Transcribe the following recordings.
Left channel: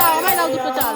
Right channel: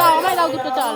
দাও আমায় দাও দুটো চাল।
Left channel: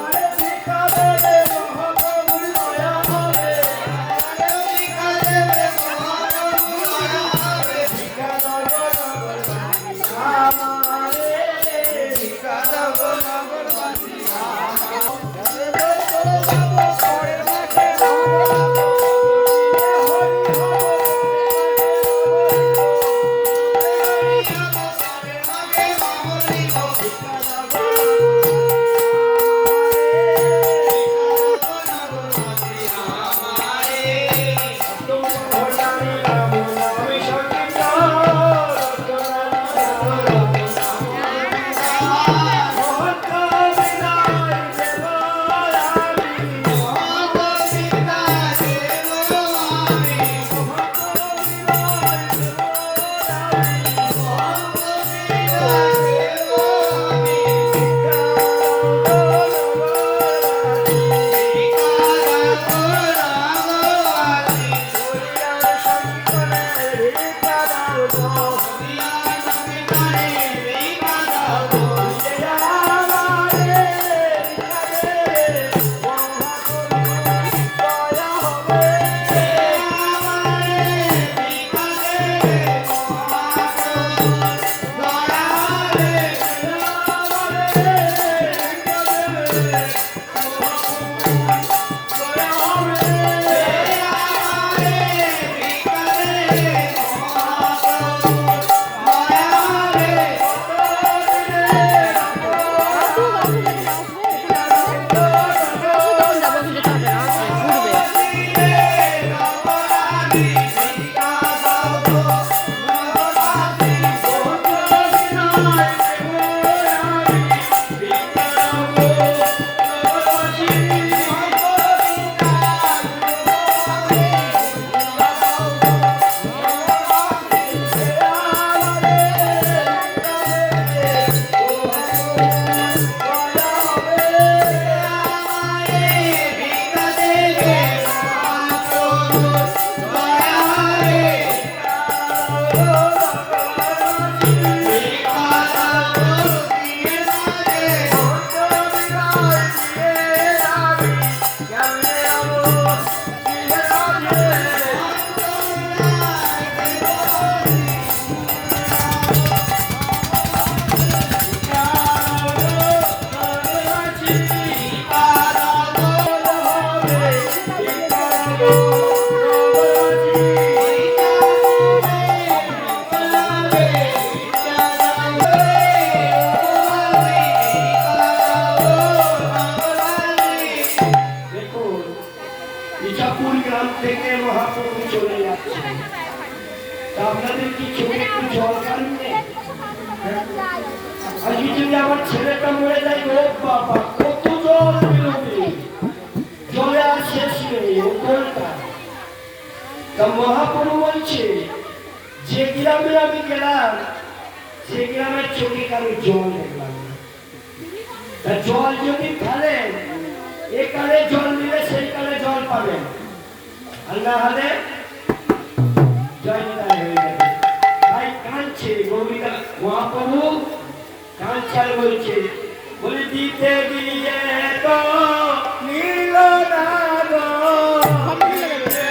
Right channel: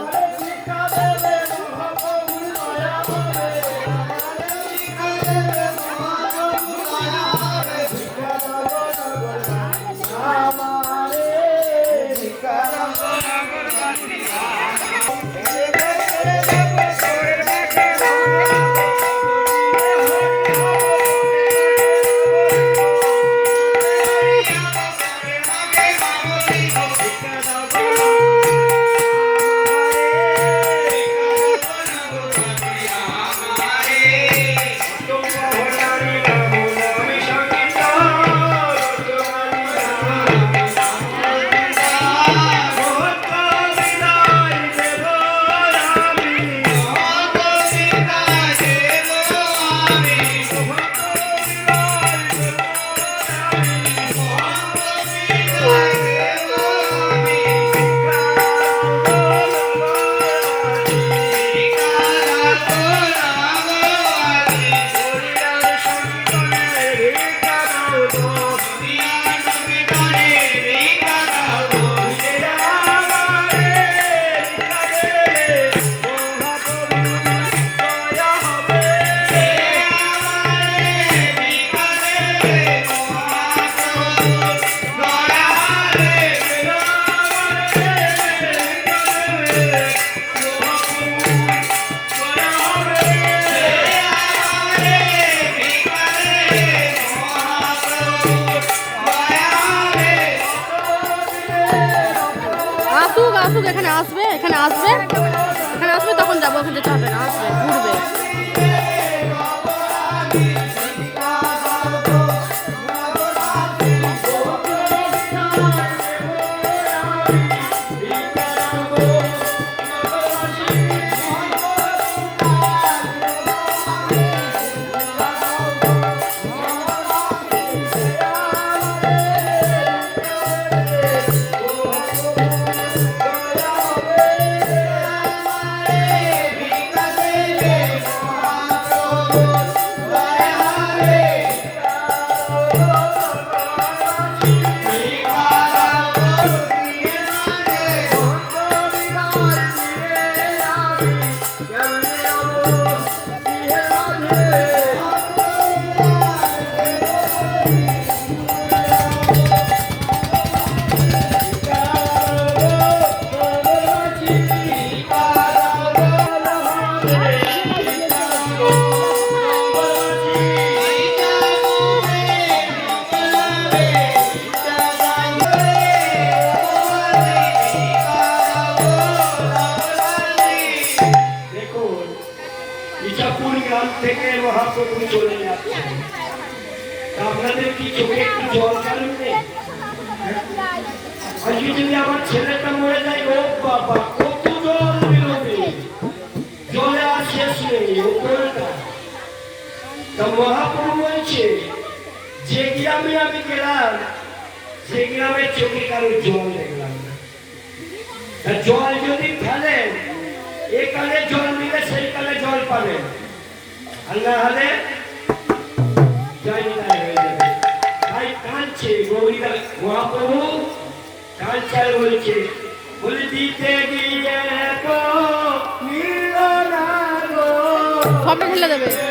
Hare গ্রাম থেকে মহাপ্রভু চলে যাচ্ছে আপনাদের কি চোখে একটু জল কারণ যদি আমার ছেলেটা মরে যায়, ও বাবা, কত জল বেরোবে? জলে আর শেষ নেই তা মহাপ্রভু বলছে, যে গ্রামে আমি গেলাম যে গ্রামের চোখে কারও জল দেখলাম জল যদি ফেলেন এ কালে জল নিলে সেই কালে জল আর না হলে যাবে। তাই কাঁদছে গৌরীকা মহাপ্রভু বলছে বলে দিতে গিয়ে তো গো, সব মিলে দেবে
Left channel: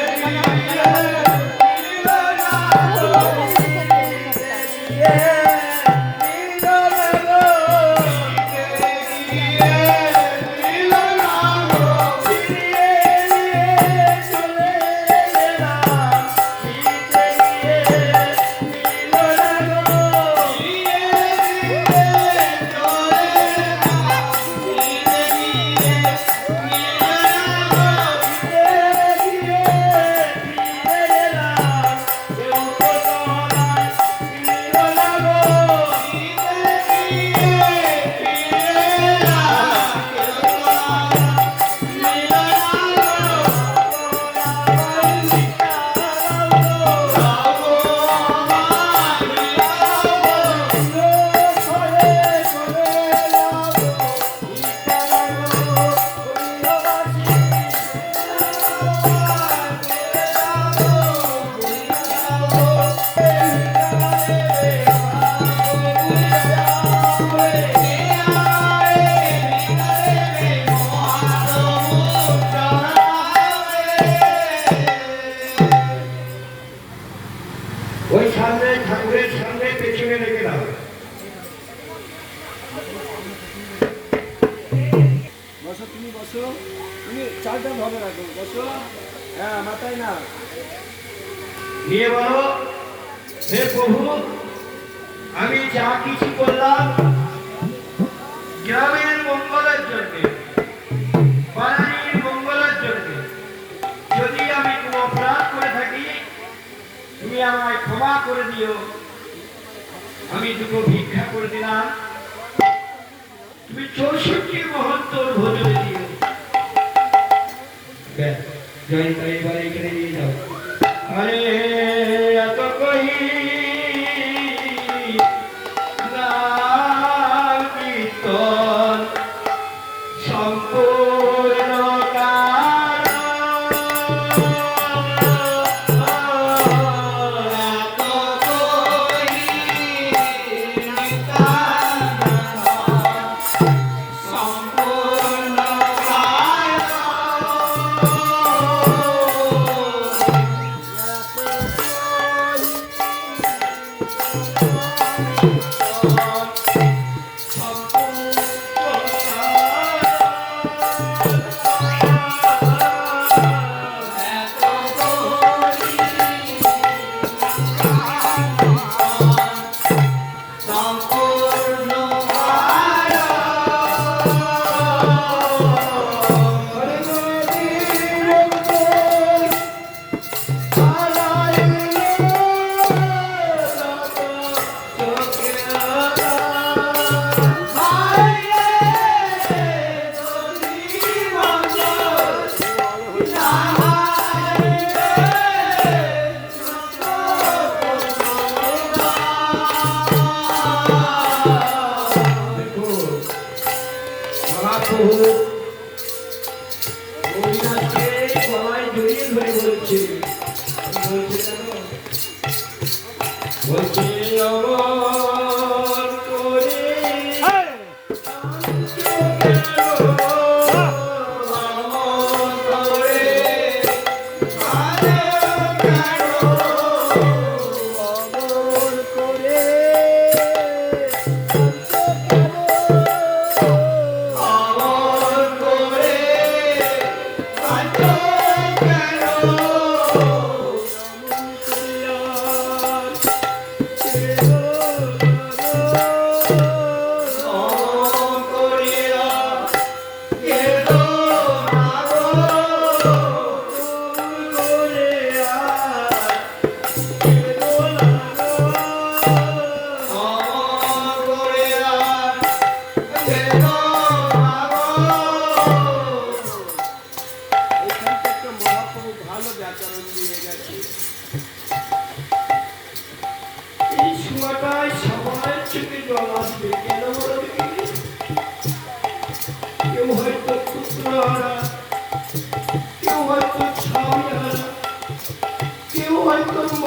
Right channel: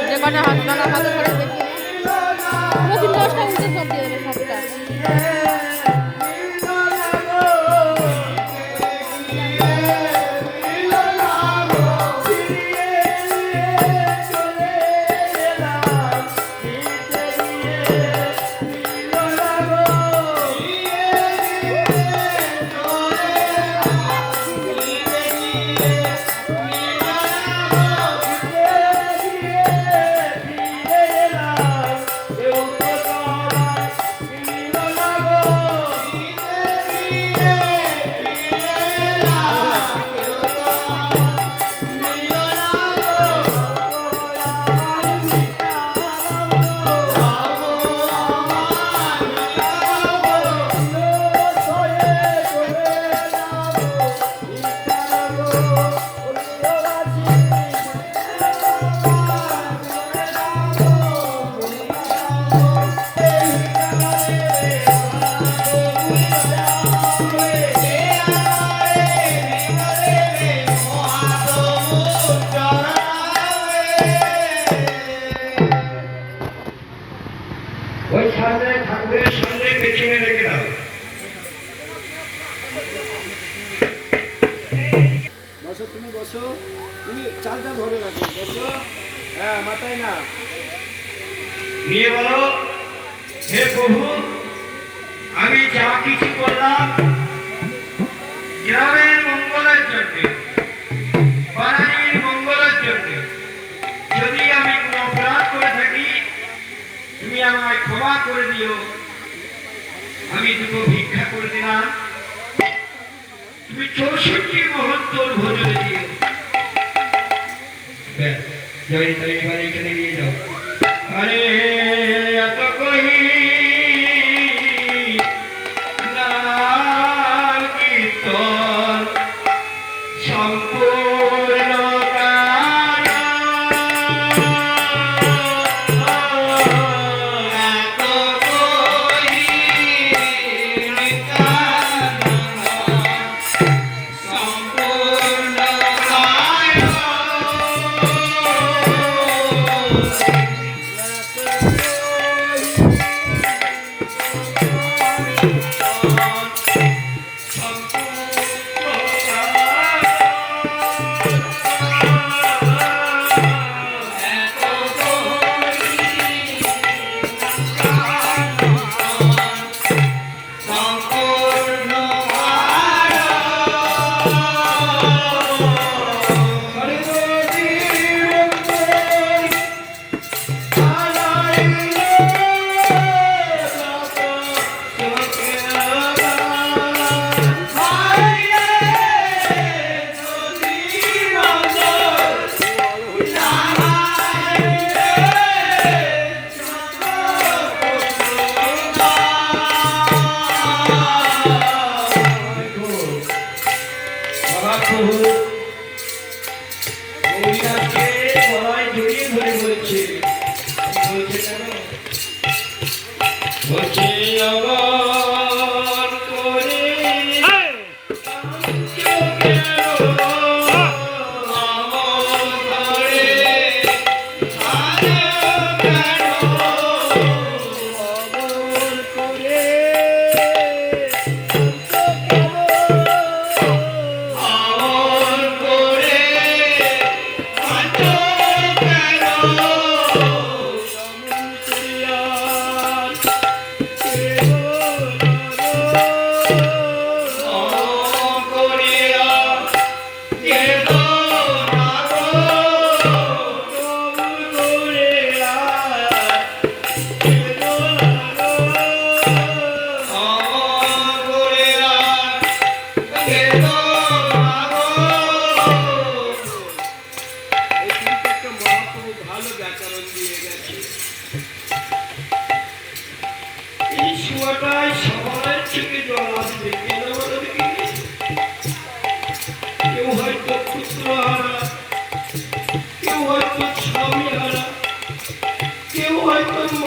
ওই সামনে ঠাকুরের সামনে পেছনে রেখে দাও। বসো তুমি বসো। তুমি চারটা ভাবে রাখো। বসো। হ্যাঁ মাথায় না নিয়ে বলো হে প্রভু আমি যা কিছু করলাম গ্রামে করে দিও। আমি দুটো ভিক্ষা করে দিলাম। তুমি চৌষট্টি মহত্তর ভোজনে দিও। ব্যাস, জয় তাই এবার এখানে নিয়ে যাও। আরে মহাপ্রভু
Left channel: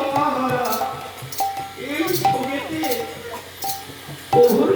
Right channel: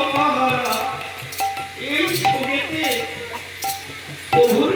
হারা এই ছবিতে প্রভুর